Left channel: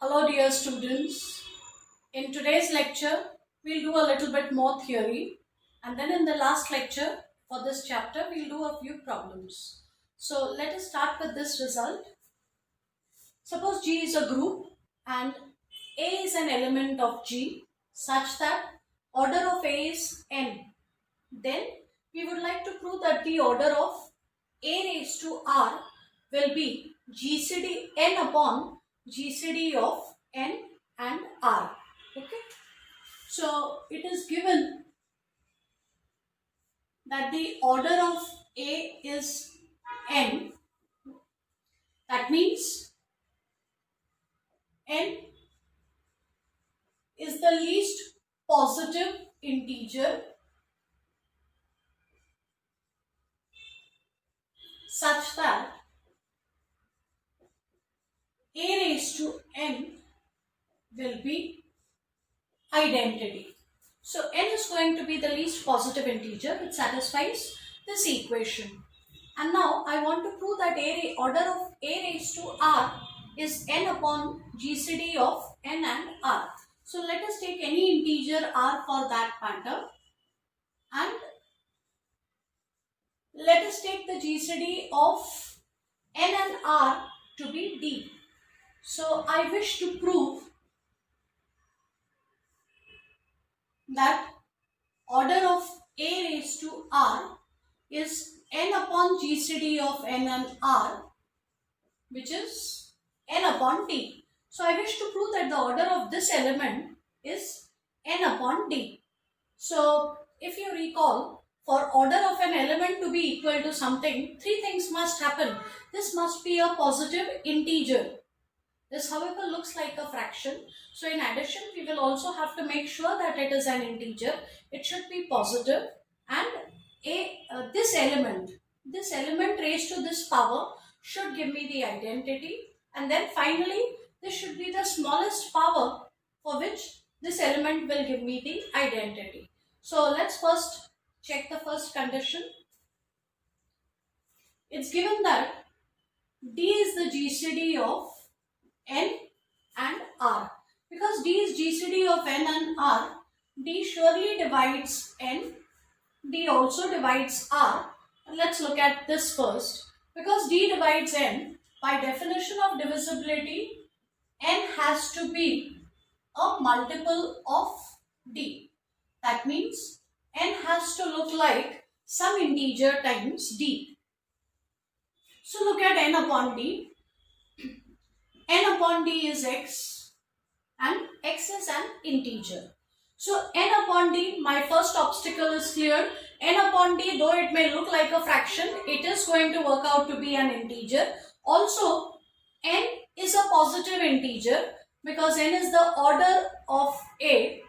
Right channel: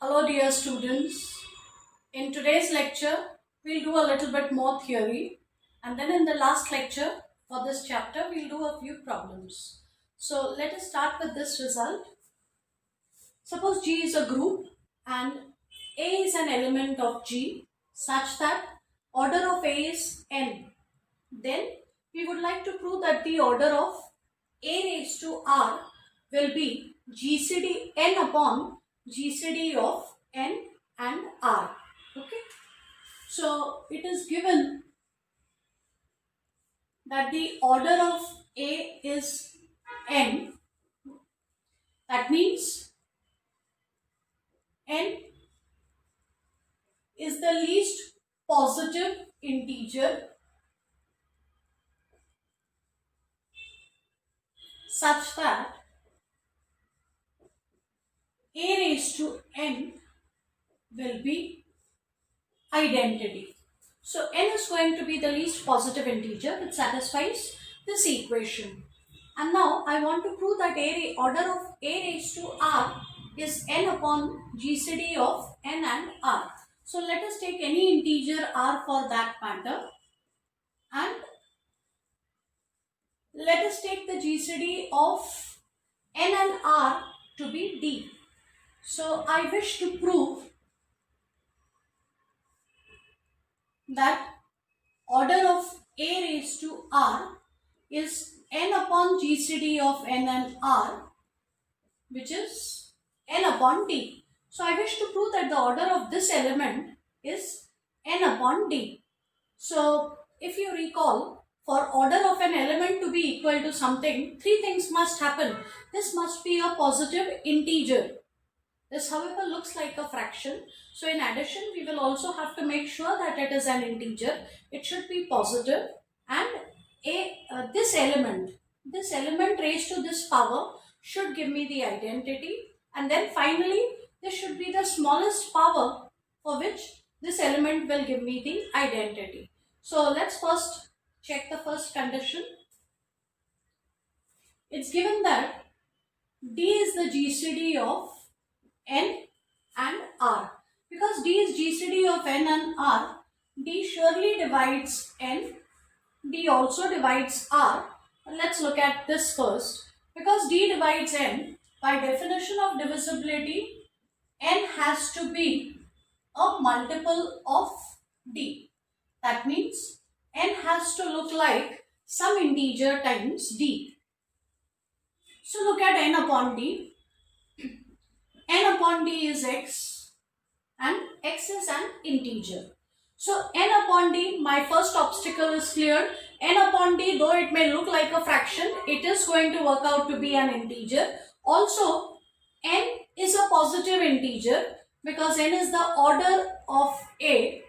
Hello dear students. In today's lecture, we'll do a little bit more theory, and then in the last lecture for this chapter, we'll do a few problems. So let us start with this result. Suppose G is a group and A is an element of G such that order of A is n. Then we would like to prove that the order of A raised to R will be GCD n upon GCD of n and R. Okay. So it is given that the order of A is n. That means n is the least positive integer such that A raised to n will be identity. So n is going to be the least positive integer which satisfies this equation. And now I want to prove that order of A raised to R is n upon GCD of n and R. So let us take any integer R for that matter and let us take the GCD of n and R to be D. So I wish to prove that order of A raised to R is n upon GCD of n and R, which is n upon D. So I wish to prove that the order of this element is n upon D. So if you recall, for order of an element to be equal to something, three things must happen. This must be a positive integer. This, however, looks like a fraction. So in addition, we will also have to make sure that it is an integer. It should be positive, and this element raised to this power should give me the identity, and then finally this should be the smallest power for which this element will give me the identity. So let's first check the first condition. It's given that D is the GCD of n and R. Because D is GCD of n and R, D surely divides n, D also divides R. Let's look at this first. Because D divides n, by definition of divisibility, n has to be a multiple of D. That means n has to look like some integer times D. So look at n upon D. N upon D is x and x is an integer. So n upon D, my first obstacle is cleared. N upon D, though it may look like a fraction, it is going to work out to be an integer. Also, n is a positive integer because n is the order of A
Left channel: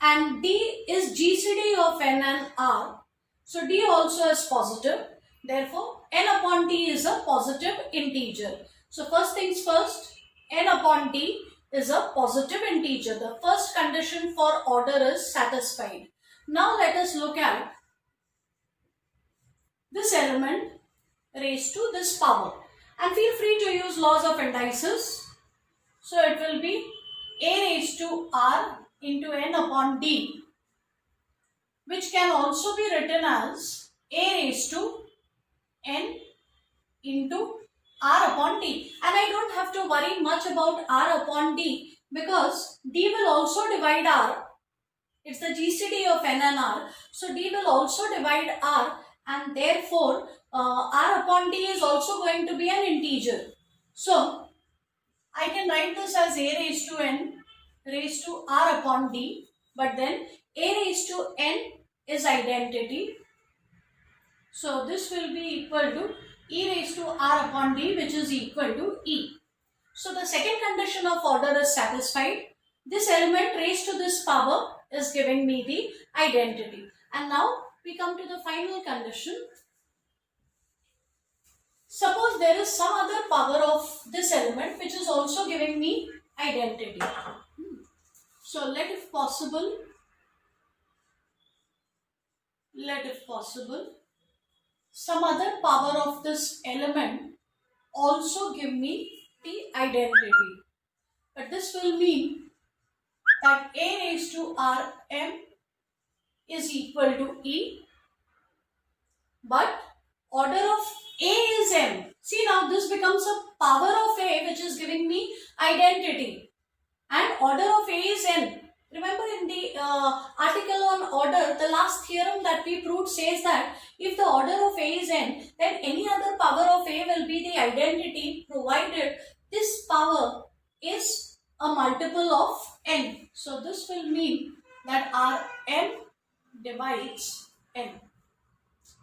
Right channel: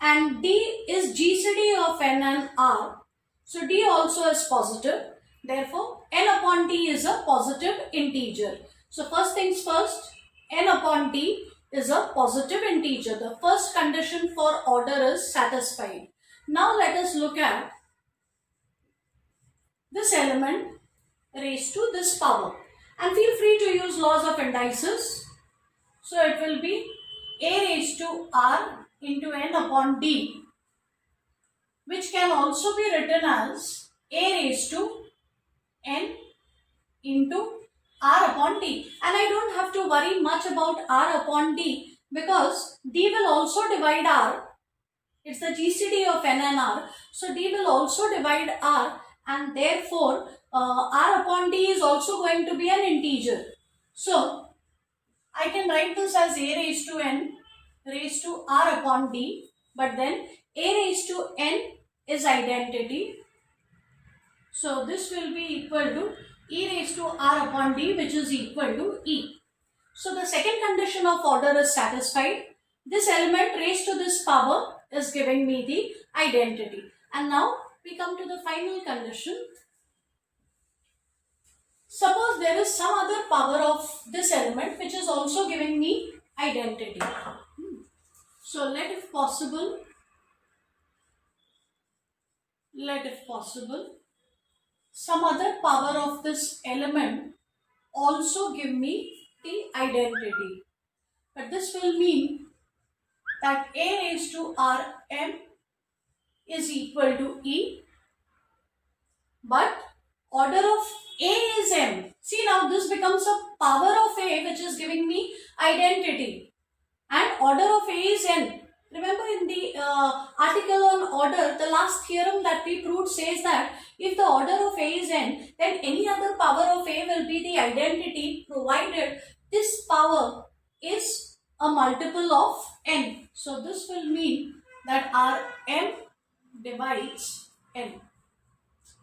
and D is GCD of n and R. So D also is positive. Therefore, n upon D is a positive integer. So first things first, n upon D is a positive integer. The first condition for order is satisfied. Now let us look at this element raised to this power. And feel free to use laws of indices. So it will be A raised to R into n upon D, which can also be written as A raised to n into R upon D. And I don't have to worry much about R upon D because D will also divide R. It's the GCD of n and R. So D will also divide R, and therefore R upon D is also going to be an integer. So I can write this as A raised to n raised to R upon D, but then A raised to n is identity. So this will be equal to E raised to R upon D, which is equal to E. So the second condition of order is satisfied. This element raised to this power is giving me the identity. And now we come to the final condition. Suppose there is some other power of this element which is also giving me identity. So let if possible, some other power of this element also give me the identity. but this will mean that A raised to Rm is equal to E, but order of A is M. See, now this becomes a power of A, which is giving me identity, and order of A is N. Remember, in the article on order, the last theorem that we proved says that if the order of A is N, then any other power of A will be the identity, provided this power is a multiple of N. So this will mean that Rm divides N.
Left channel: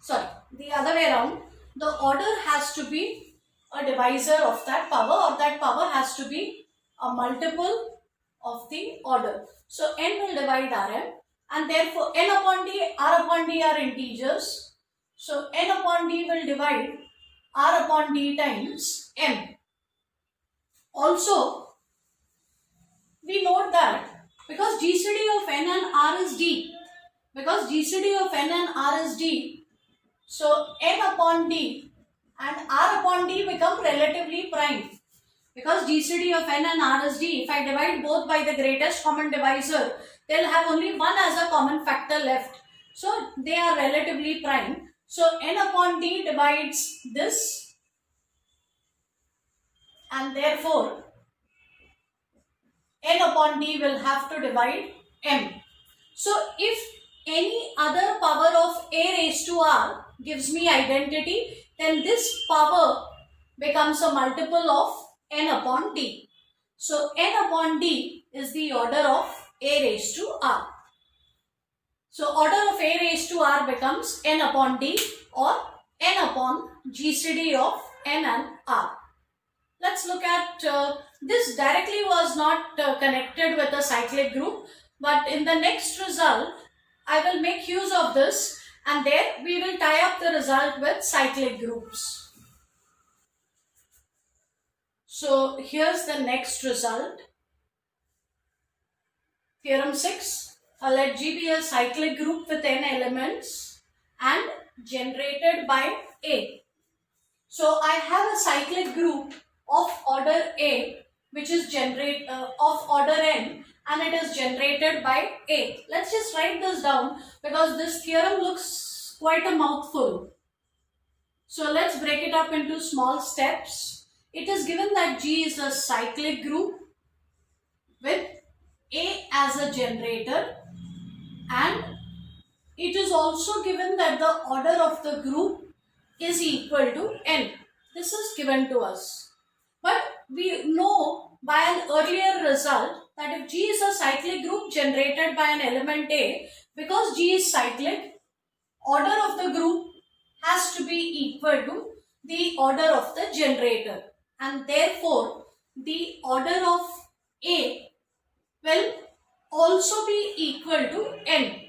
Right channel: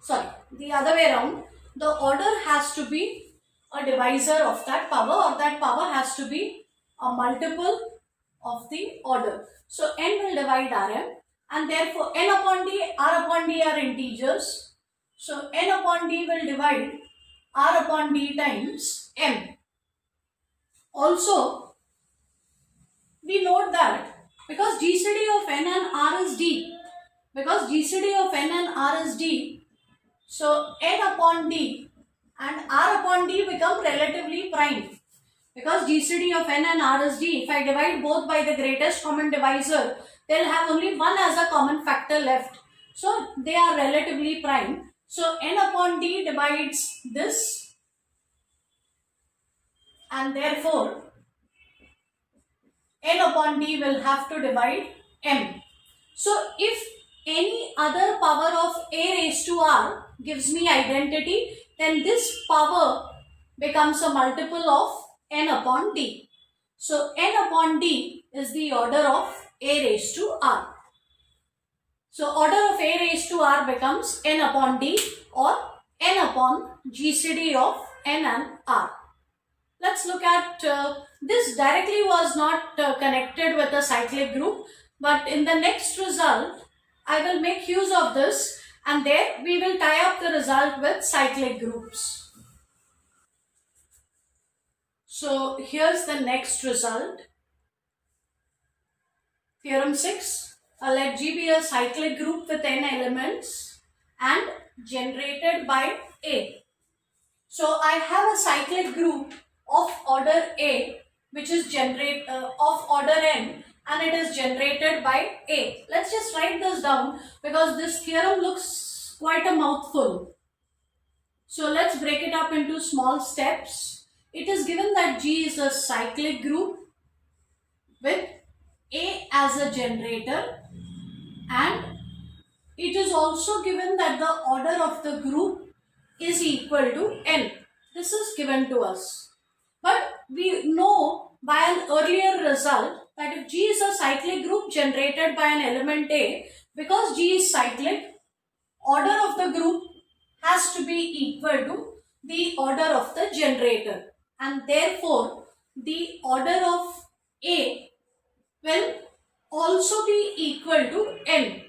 Sorry, the other way around. The order has to be a divisor of that power, or that power has to be a multiple of the order. So N will divide Rm, and therefore N upon D, R upon D are integers. So N upon D will divide R upon D times M. Also, we note that because GCD of N and R is D, so N upon D and R upon D become relatively prime. Because GCD of N and R is D, if I divide both by the greatest common divisor, they'll have only one as a common factor left. So they are relatively prime. So N upon D divides this, and therefore N upon D will have to divide M. So if any other power of A raised to R gives me identity, then this power becomes a multiple of N upon D. So N upon D is the order of A raised to R. So order of A raised to R becomes N upon D, or N upon GCD of N and R. Let's look at this. Directly was not connected with a cyclic group, but in the next result I will make use of this, and there we will tie up the result with cyclic groups. So here's the next result. Theorem 6. Let G be a cyclic group with n elements and generated by A. So I have a cyclic group of order A, which is of order n, and it is generated by A. Let's just write this down because this theorem looks quite a mouthful. So let's break it up into small steps. It is given that G is a cyclic group with A as a generator, and it is also given that the order of the group is equal to n. This is given to us. But we know by an earlier result that if G is a cyclic group generated by an element A, because G is cyclic, order of the group has to be equal to the order of the generator, and therefore the order of A will also be equal to n.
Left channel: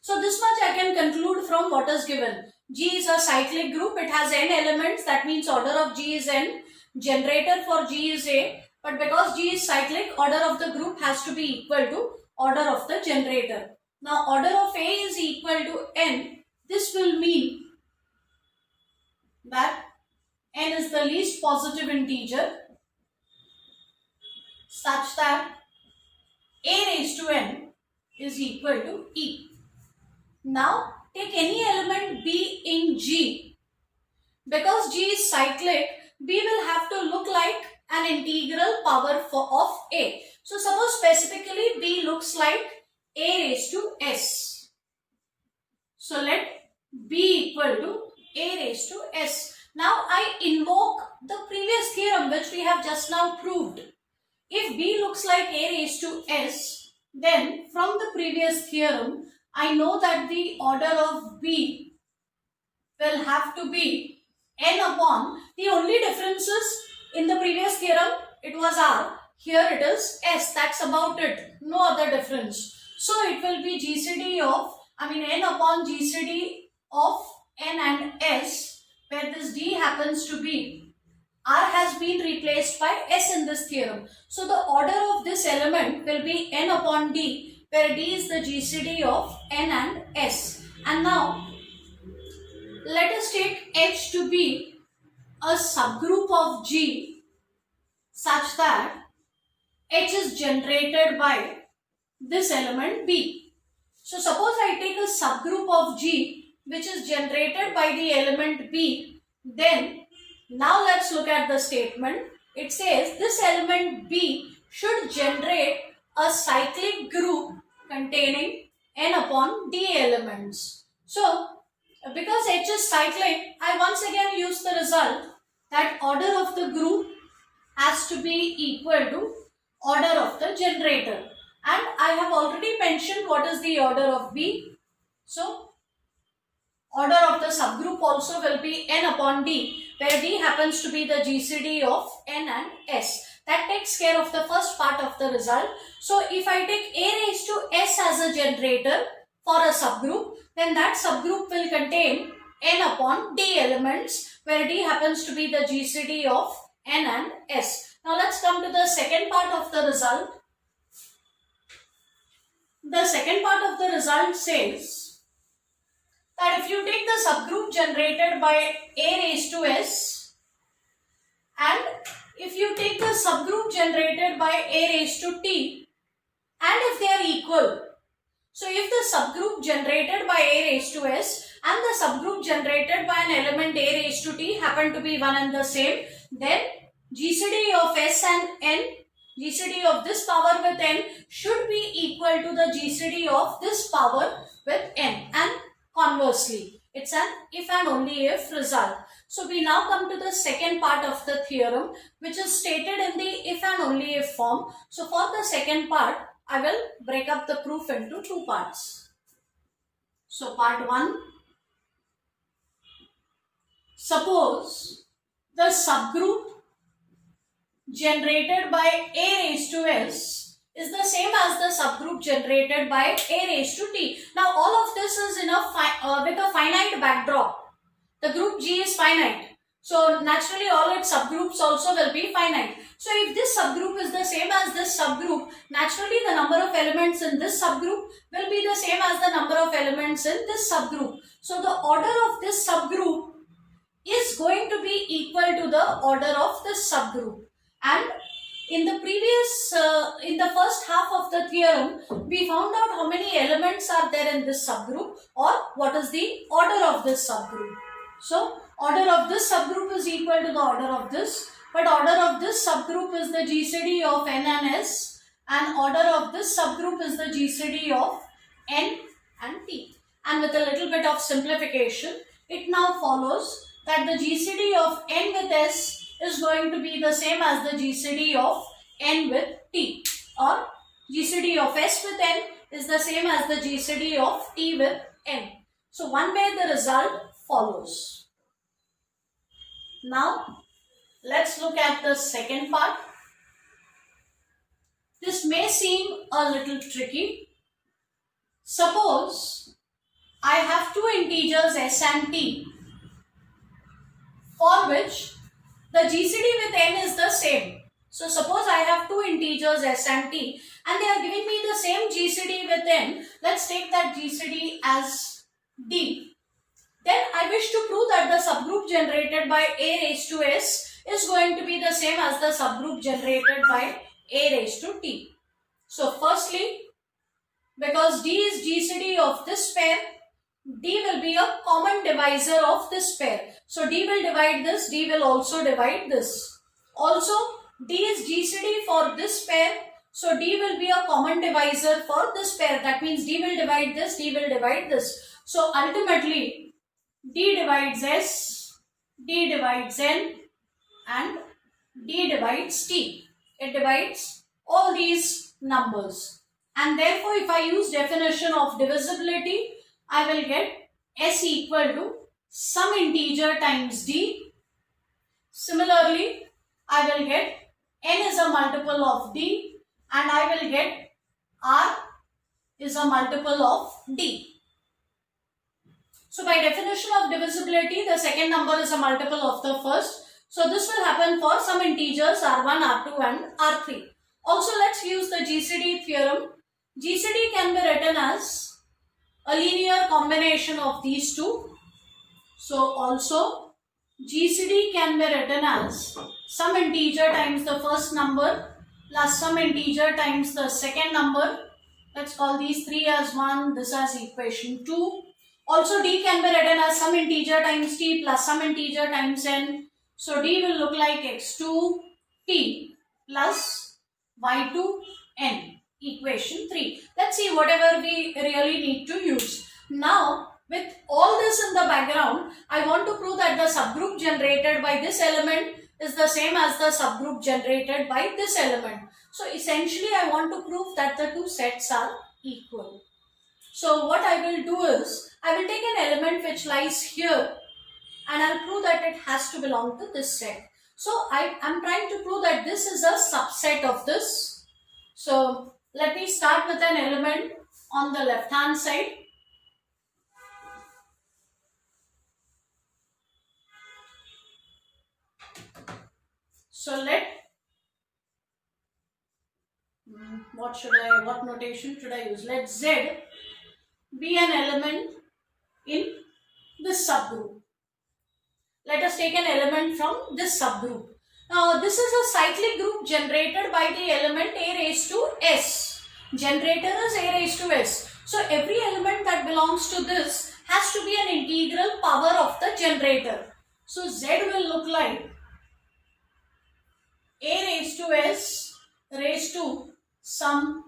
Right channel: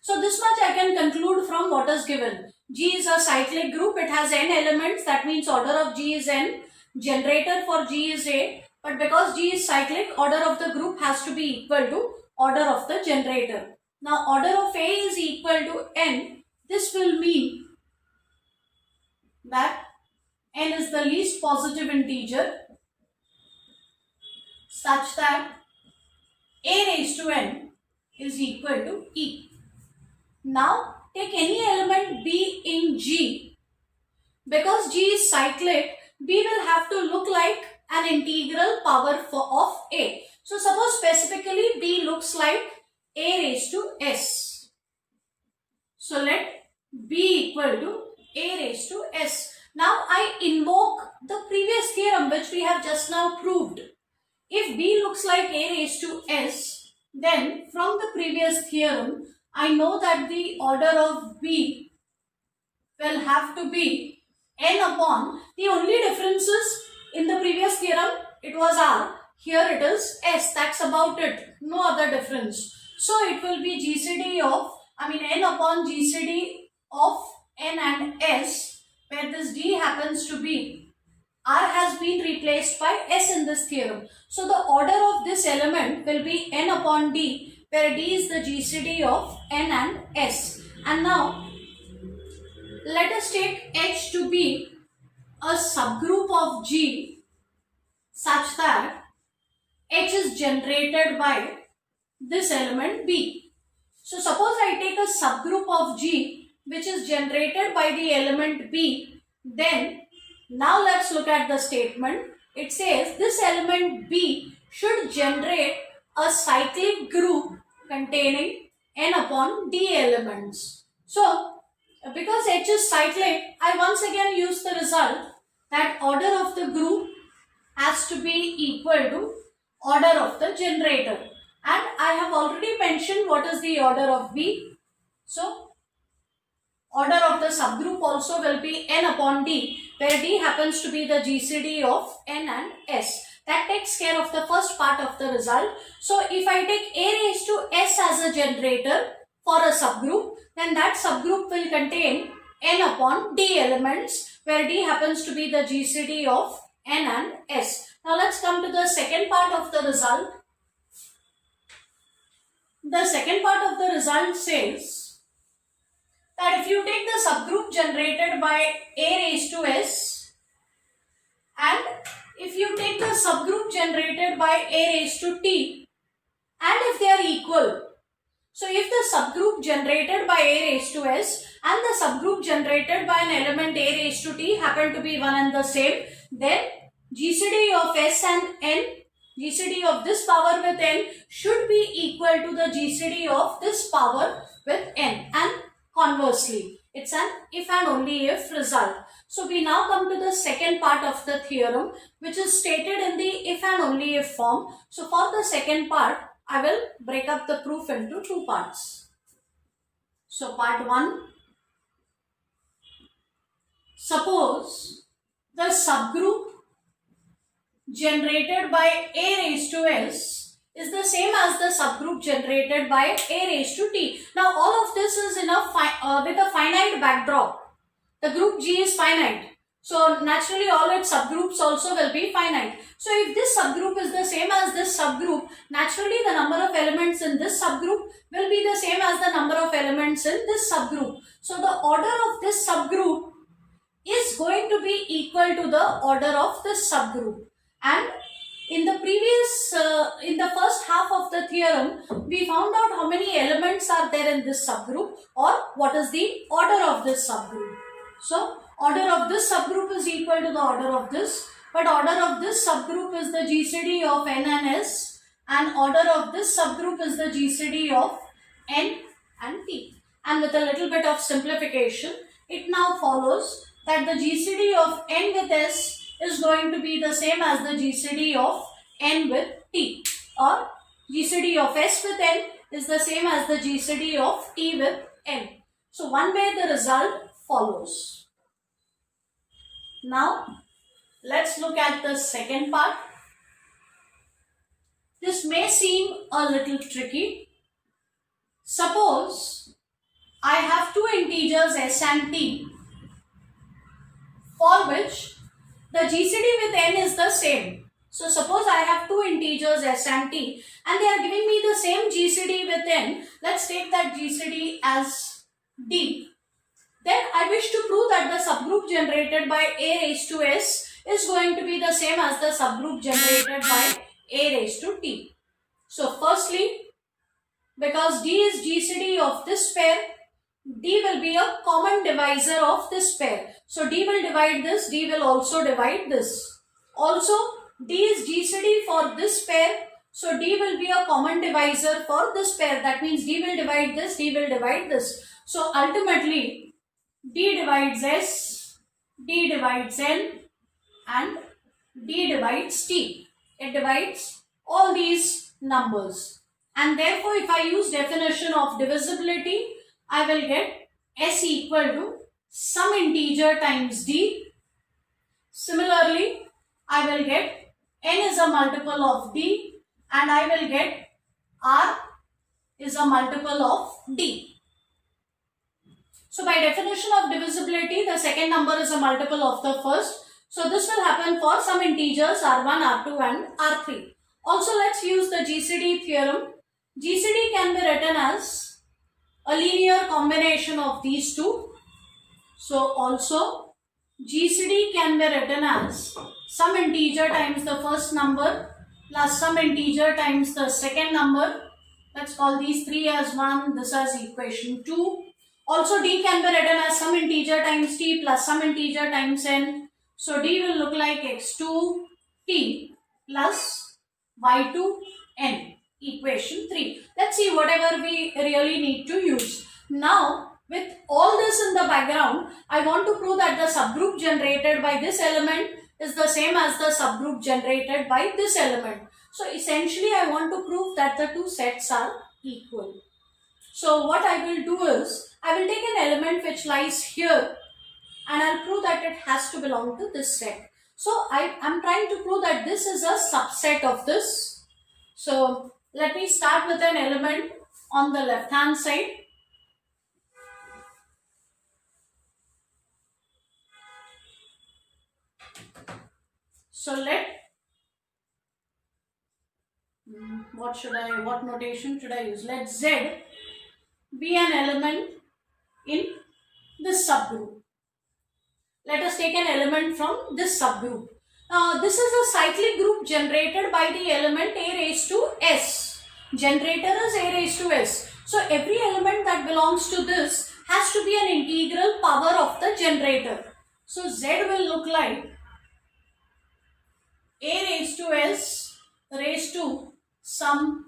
So this much I can conclude from what is given. G is a cyclic group, it has n elements, that means order of G is n, generator for G is A, but because G is cyclic, order of the group has to be equal to order of the generator. Now order of A is equal to n. This will mean that n is the least positive integer such that A raised to n is equal to E. Now take any element B in G. Because G is cyclic, B will have to look like an integral power of A. So suppose specifically B looks like A raised to S. So let B equal to A raised to S. Now I invoke the previous theorem which we have just now proved. If B looks like A raised to S, then from the previous theorem I know that the order of B will have to be n upon, the only difference is in the previous theorem it was R, here it is S, that's about it, no other difference. So it will be GCD of, n upon GCD of n and S, where this D happens to be, R has been replaced by S in this theorem. So the order of this element will be n upon D, where D is the GCD of n and S. And now let us take H to be a subgroup of G such that H is generated by this element B. So suppose I take a subgroup of G which is generated by the element B, then now let's look at the statement. It says this element B should generate a cyclic group containing n upon d elements. So because H is cyclic, I once again use the result that order of the group has to be equal to order of the generator. And I have already mentioned what is the order of B. So order of the subgroup also will be n upon d, where d happens to be the GCD of n and s. That takes care of the first part of the result. So if I take a raised to s as a generator for a subgroup, then that subgroup will contain n upon d elements, where d happens to be the GCD of n and s. Now let's come to the second part of the result. The second part of the result says that if you take the subgroup generated by a raised to s, and if you take the subgroup generated by a raised to t, and if they are equal, so if the subgroup generated by a raised to s and the subgroup generated by an element a raised to t happen to be one and the same, then GCD of s and n, GCD of this power with n should be equal to the GCD of this power with n, and conversely. It's an if and only if result. So we now come to the second part of the theorem, which is stated in the if and only if form. So for the second part, I will break up the proof into two parts. So part 1. Suppose the subgroup generated by a raised to s is the same as the subgroup generated by a raised to t. Now all of this is in a with a finite backdrop. The group G is finite. So naturally all its subgroups also will be finite. So if this subgroup is the same as this subgroup, naturally the number of elements in this subgroup will be the same as the number of elements in this subgroup. So the order of this subgroup is going to be equal to the order of this subgroup. And in the previous, in the first half of the theorem, we found out how many elements are there in this subgroup, or what is the order of this subgroup. So order of this subgroup is equal to the order of this, but order of this subgroup is the GCD of n and s, and order of this subgroup is the GCD of n and t. And with a little bit of simplification, it now follows that the GCD of n with s is going to be the same as the GCD of n with t, or GCD of s with n is the same as the GCD of t with n. So one way the result follows. Now let's look at the second part. This may seem a little tricky. Suppose I have two integers s and t, for which the GCD with n is the same. So suppose I have two integers s and t, and they are giving me the same GCD with n. Let's take that GCD as d. Then I wish to prove that the subgroup generated by a raised to s is going to be the same as the subgroup generated by a raised to t. So firstly, because d is GCD of this pair, d will be a common divisor of this pair. So d will divide this, d will also divide this. Also, d is GCD for this pair, so d will be a common divisor for this pair. That means d will divide this, d will divide this. So ultimately, d divides s, d divides n, and d divides t. It divides all these numbers. And therefore, if I use definition of divisibility, I will get s equal to some integer times d. Similarly, I will get n is a multiple of d, and I will get r is a multiple of d. So by definition of divisibility, the second number is a multiple of the first. So this will happen for some integers r1, r2 and r3. Also, let's use the GCD theorem. GCD can be written as a linear combination of these two. So also GCD can be written as some integer times the first number plus some integer times the second number. Let's call these 3 as 1, this as equation 2. Also d can be written as some integer times t plus some integer times n. So d will look like x2t plus y2n, equation 3. Let's see whatever we really need to use. Now, with all this in the background, I want to prove that the subgroup generated by this element is the same as the subgroup generated by this element. So essentially I want to prove that the two sets are equal. So what I will do is, I will take an element which lies here and I'll prove that it has to belong to this set. So I am trying to prove that this is a subset of this. So let me start with an element on the left hand side. So what notation should I use? Let Z be an element in this subgroup. Let us take an element from this subgroup. Now this is a cyclic group generated by the element a raised to s. Generator is a raised to s. So every element that belongs to this has to be an integral power of the generator. So Z will look like a raised to s raised to some,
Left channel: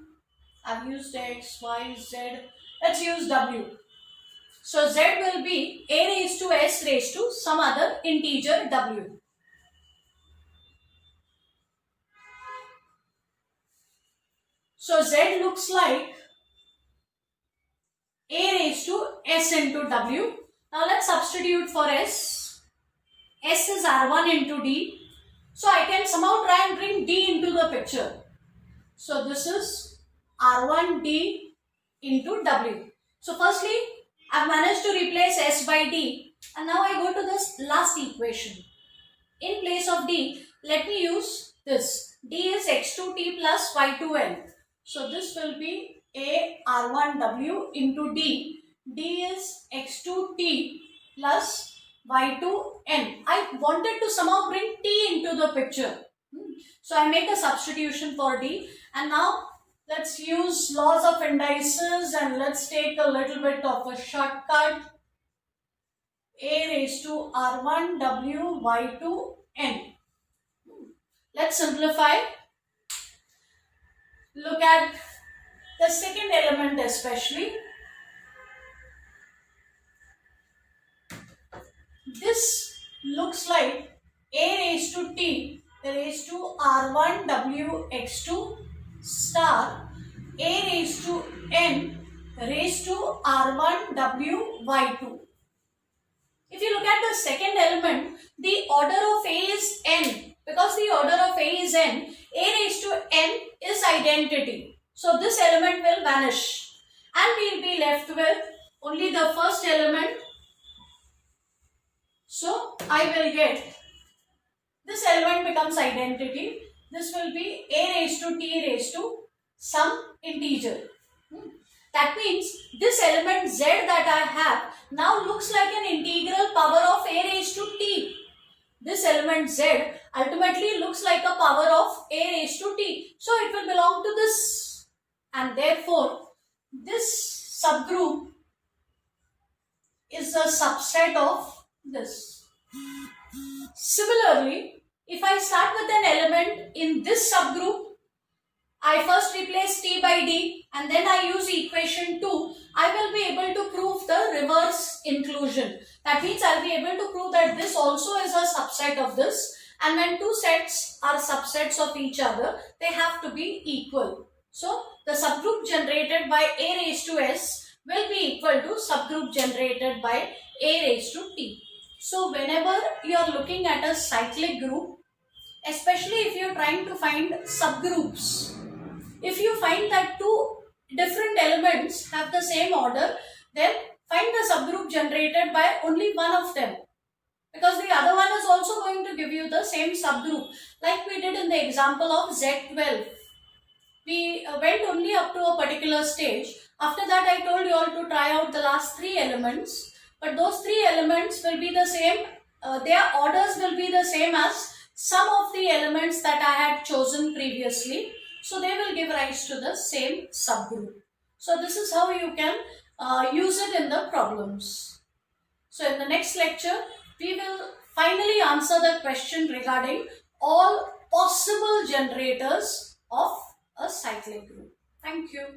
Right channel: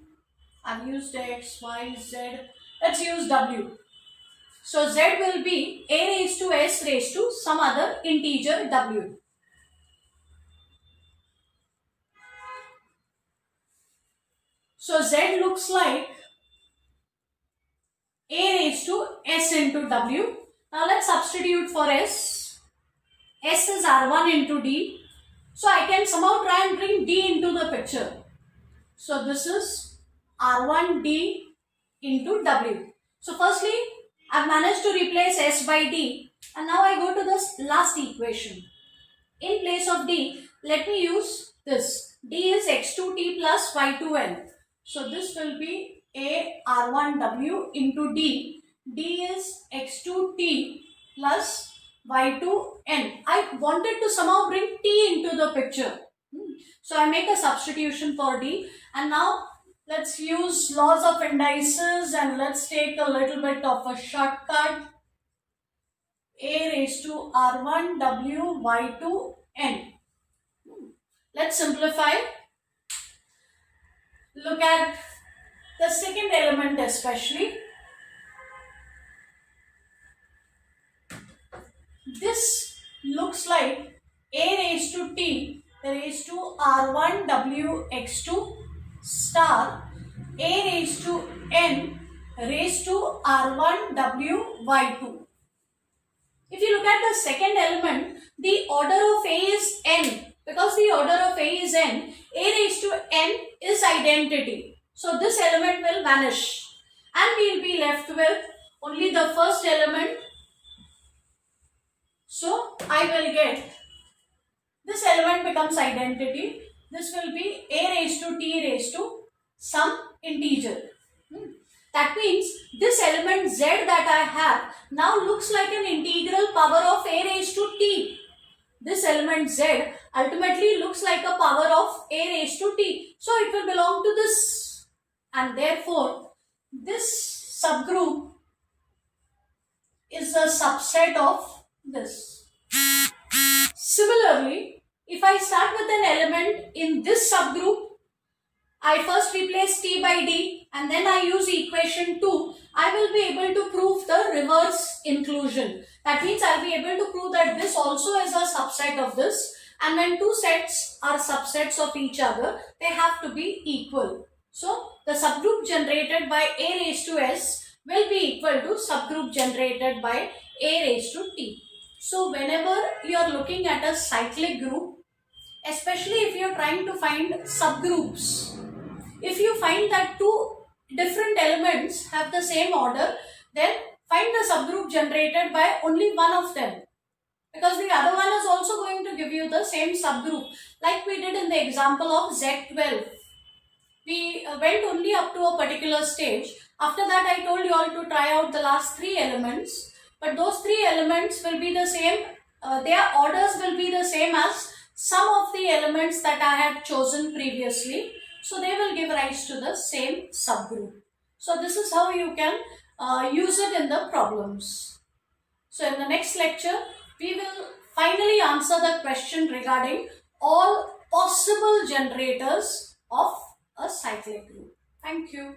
I've used x, y, z, let's use w. So z will be a raised to s raised to some other integer w. So z looks like a raised to s into w. Now let's substitute for s. S is r1 into d. So I can somehow try and bring d into the picture. So this is r1d into w. So firstly, I've managed to replace s by d, and now I go to this last equation. In place of d, let me use this. D is x2t plus y2n. So this will be a r1w into d. D is x2t plus y2n. I wanted to somehow bring t into the picture. So I make a substitution for d, and now let's use laws of indices and let's take a little bit of a shortcut. A raised to r1 w y2 n. Let's simplify. Look at the second element especially. This looks like a raised to t raised to r1 w x2 star a raised to n raised to r1 w y2. If you look at the second element, the order of a is n. Because the order of a is n, a raised to n is identity. So this element will vanish and we will be left with only the first element. So I will get, this element becomes identity. This will be a raised to t raised to some integer. That means this element z that I have now looks like an integral power of a raised to t. This element z ultimately looks like a power of a raised to t. So it will belong to this. And therefore, this subgroup is a subset of this. Similarly, if I start with an element in this subgroup, I first replace t by d and then I use equation 2, I will be able to prove the reverse inclusion. That means I will be able to prove that this also is a subset of this, and when two sets are subsets of each other, they have to be equal. So the subgroup generated by a raised to s will be equal to subgroup generated by a raised to t. So whenever you are looking at a cyclic group, especially if you are trying to find subgroups, if you find that two different elements have the same order, then find the subgroup generated by only one of them, because the other one is also going to give you the same subgroup, like we did in the example of Z12. We went only up to a particular stage. After that, I told you all to try out the last three elements, but those three elements will be the same, their orders will be the same as some of the elements that I had chosen previously. So they will give rise to the same subgroup. So this is how you can use it in the problems. So in the next lecture, we will finally answer the question regarding all possible generators of a cyclic group. Thank you.